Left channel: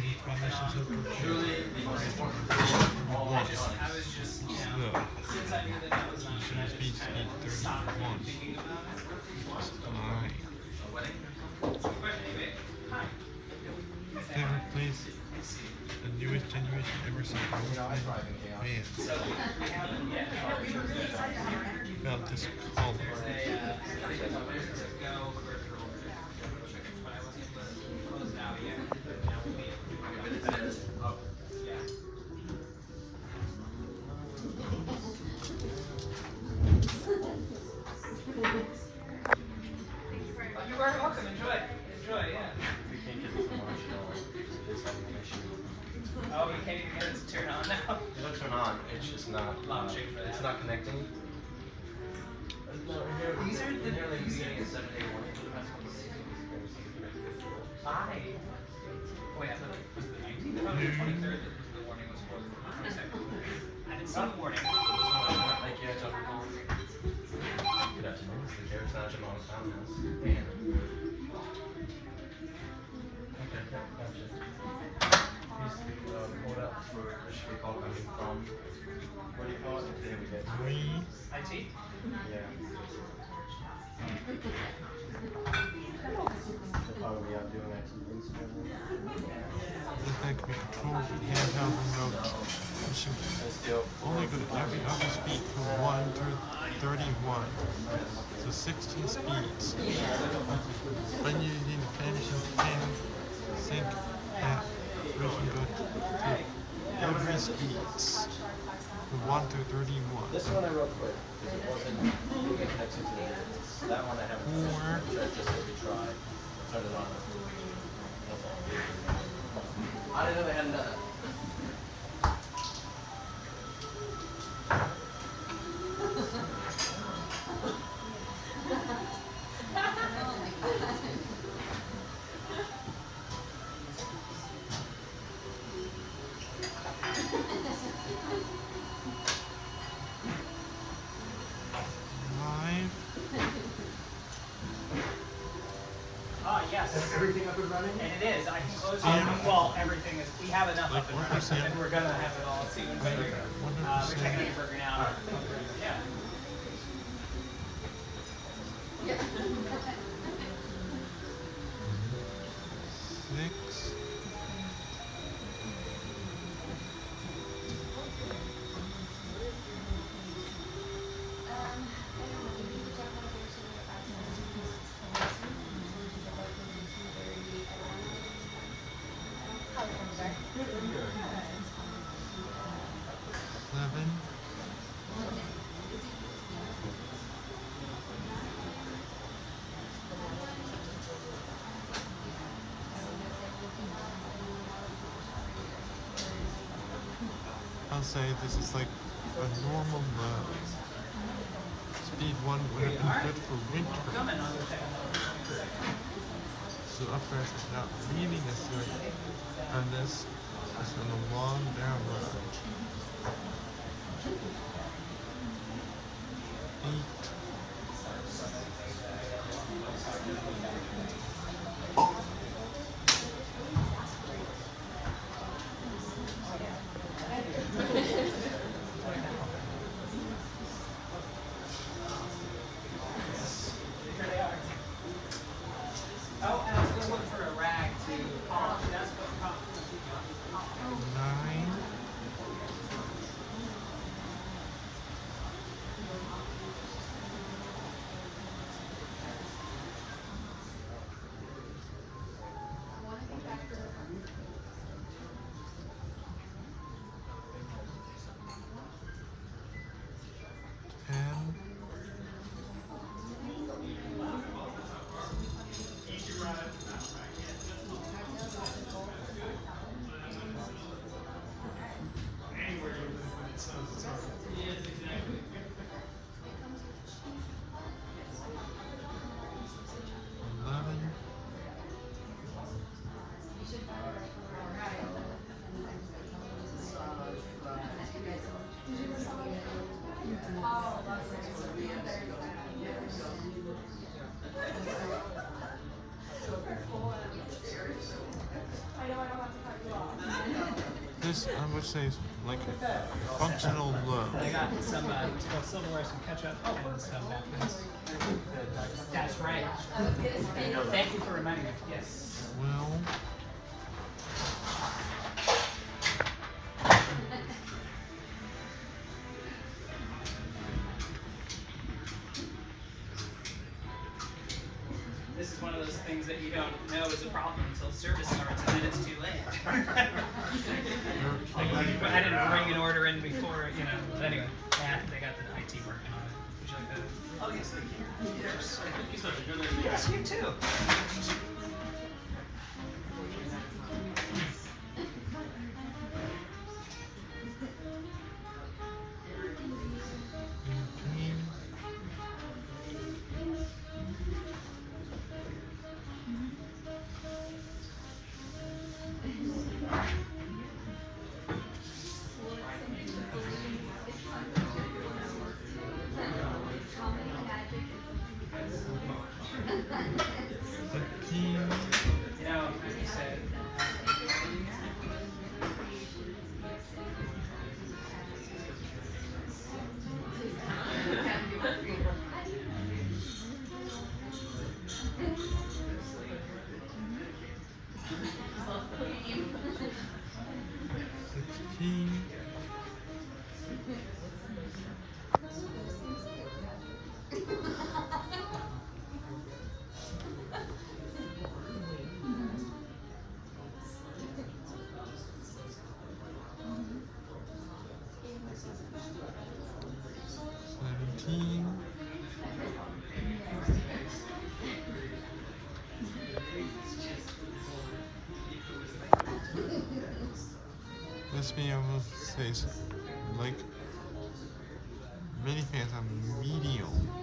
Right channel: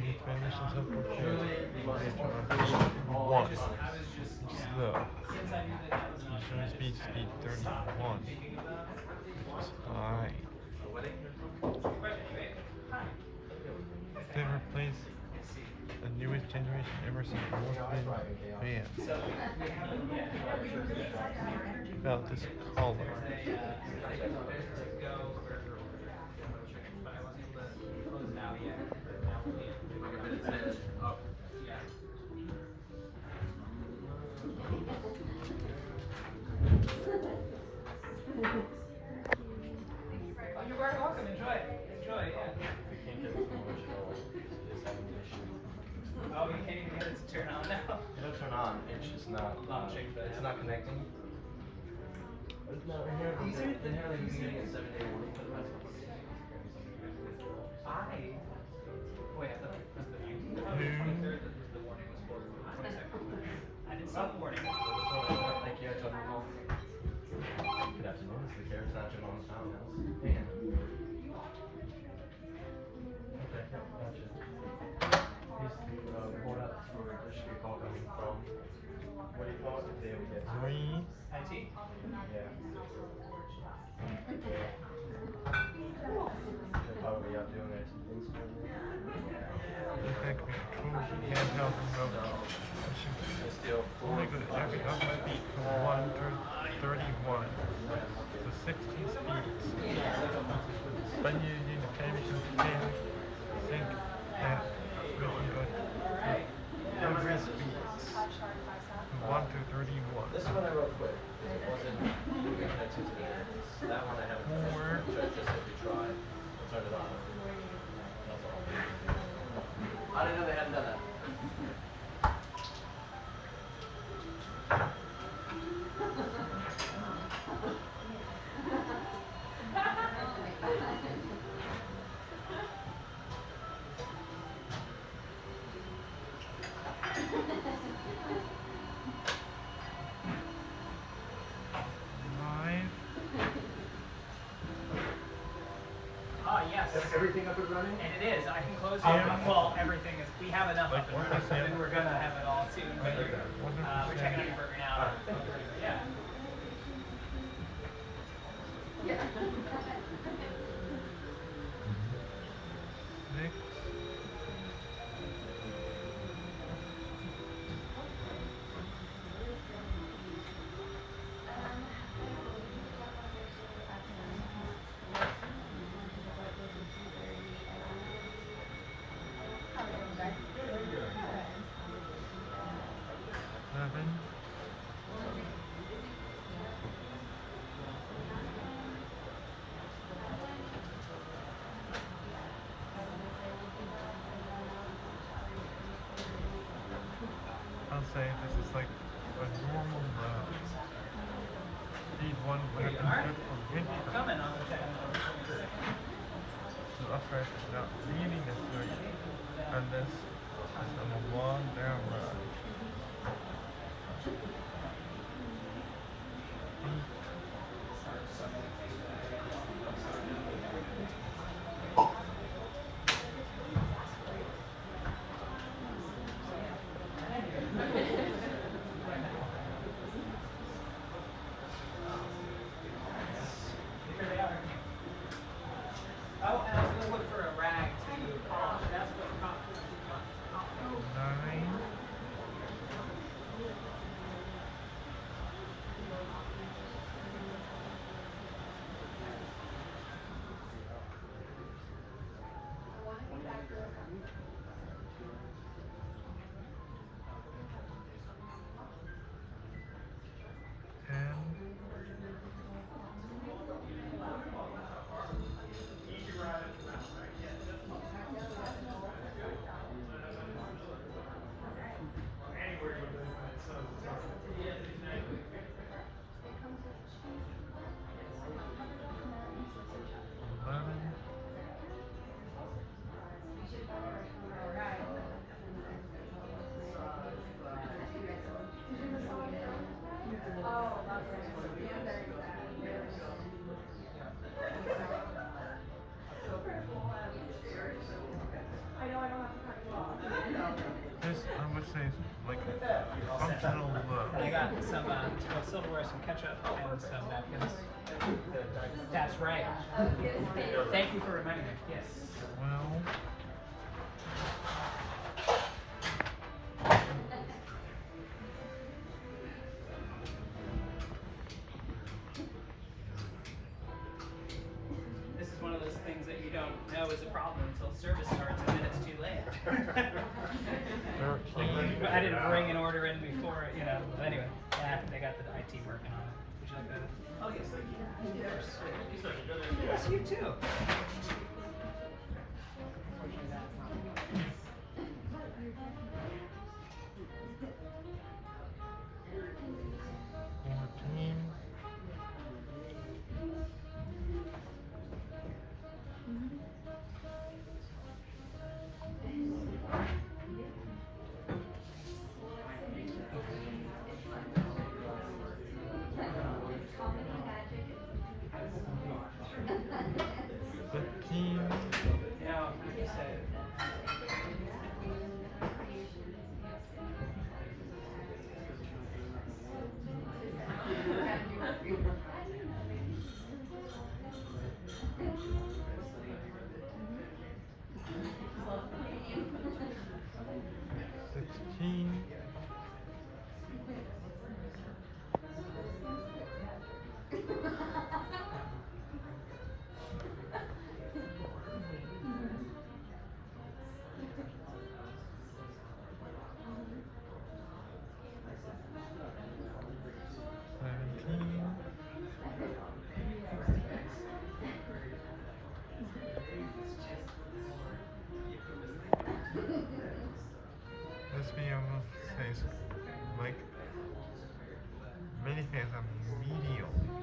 his Spanish is so confused. One. Slow. Usually speed 31. Which is high. Favorite place? The newest generation Emerson Northland Vans. About this color. You're very welcome. Enjoy. Enjoy, yeah. We can't get it to launch at all because it is having an issue. Oh, you can't even get it to turn on now? It'll turn on, it's just not, it's not connecting. No, These are the inherently you these get are a 7-day warning, but it has to keep it I wait, I thought it was the 19th? I thought it was the 23rd that the warning was for, or 22nd. I didn't see the warning. So this one, thank you, I told you. Good afternoon, this is the Garrett's National Townhouse. And okay, gotcha. Please report out for there should be a call coming from what do you call it? Today we get IT. yeah. Are we out doing IT things right now? In fact, we control the handheld remote. Pushing only good at every other speed from 1 to 31. So 16 speeds. When using the Vanishing Pen Sync app version, go to every speeds from 1 to 31. This one I wrote quick because it wasn't connected to the minutes. That one I haven't Or just to retry and turn it on. That's all. I didn't know they hadn't done that. live. Oh, yes. Is everything up and running? And it is. I can close it. Yeah. Well, everything is. We have enough Like of it. 1%. And we're gonna have it all soon. So, we're checking your burger now. Yeah. Six. Seven. I'll say this is like a normal mode. Speed 1 would have been good for winter. So upgrades is not really necessary unless it's on a long down road. 8. Oh, and I was gonna look for a rag to polish. That's what we're talking 9. This I would say is like functional low. I got some silverware, some ketchup, and some napkins. That's right. Thank you for reminding me. Yes. Well, This is one of those things that you don't know is a problem until service starts and then it's too late. But I didn't bring an order in before, you know. But anyway, yeah, they got the IT working on it. Would you like that? Oh, yes, thank you. Yes. Yes, you too. 14. 15. You know, as you said, 16. 17. This video says like minifans on medium.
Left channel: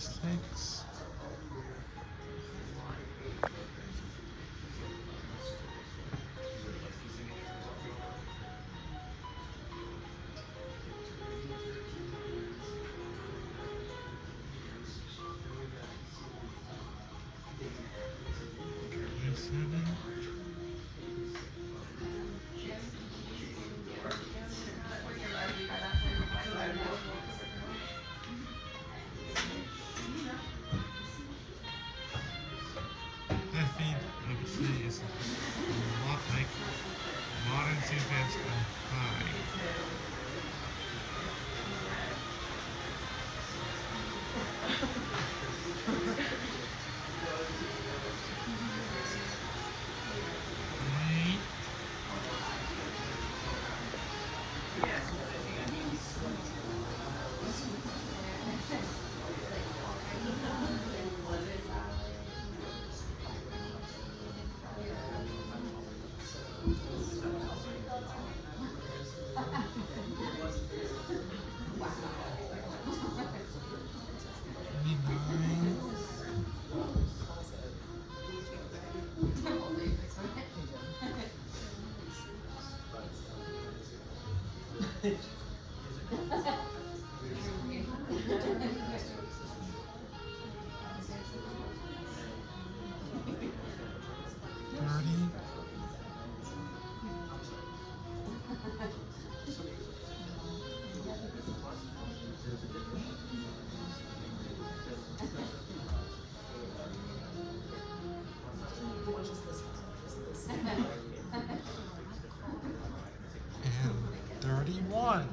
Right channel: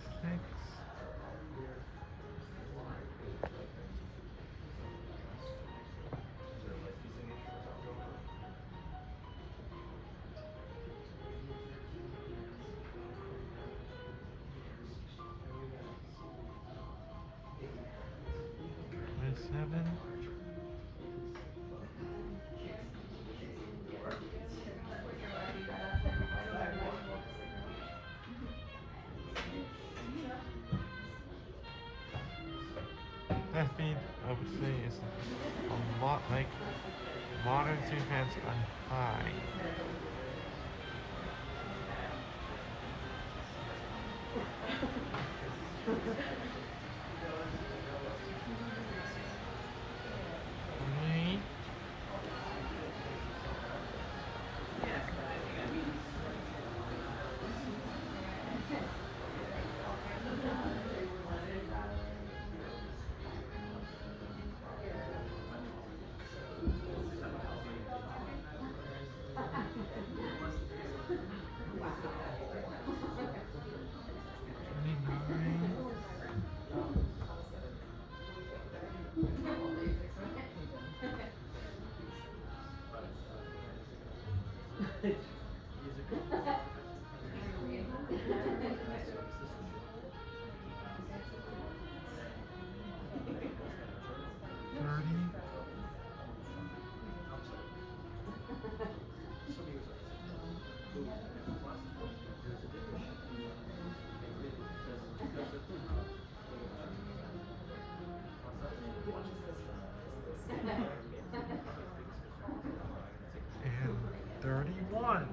26. Seven. That feed, I would say, is a lot like modern Sudafeds on high. Three. And 31.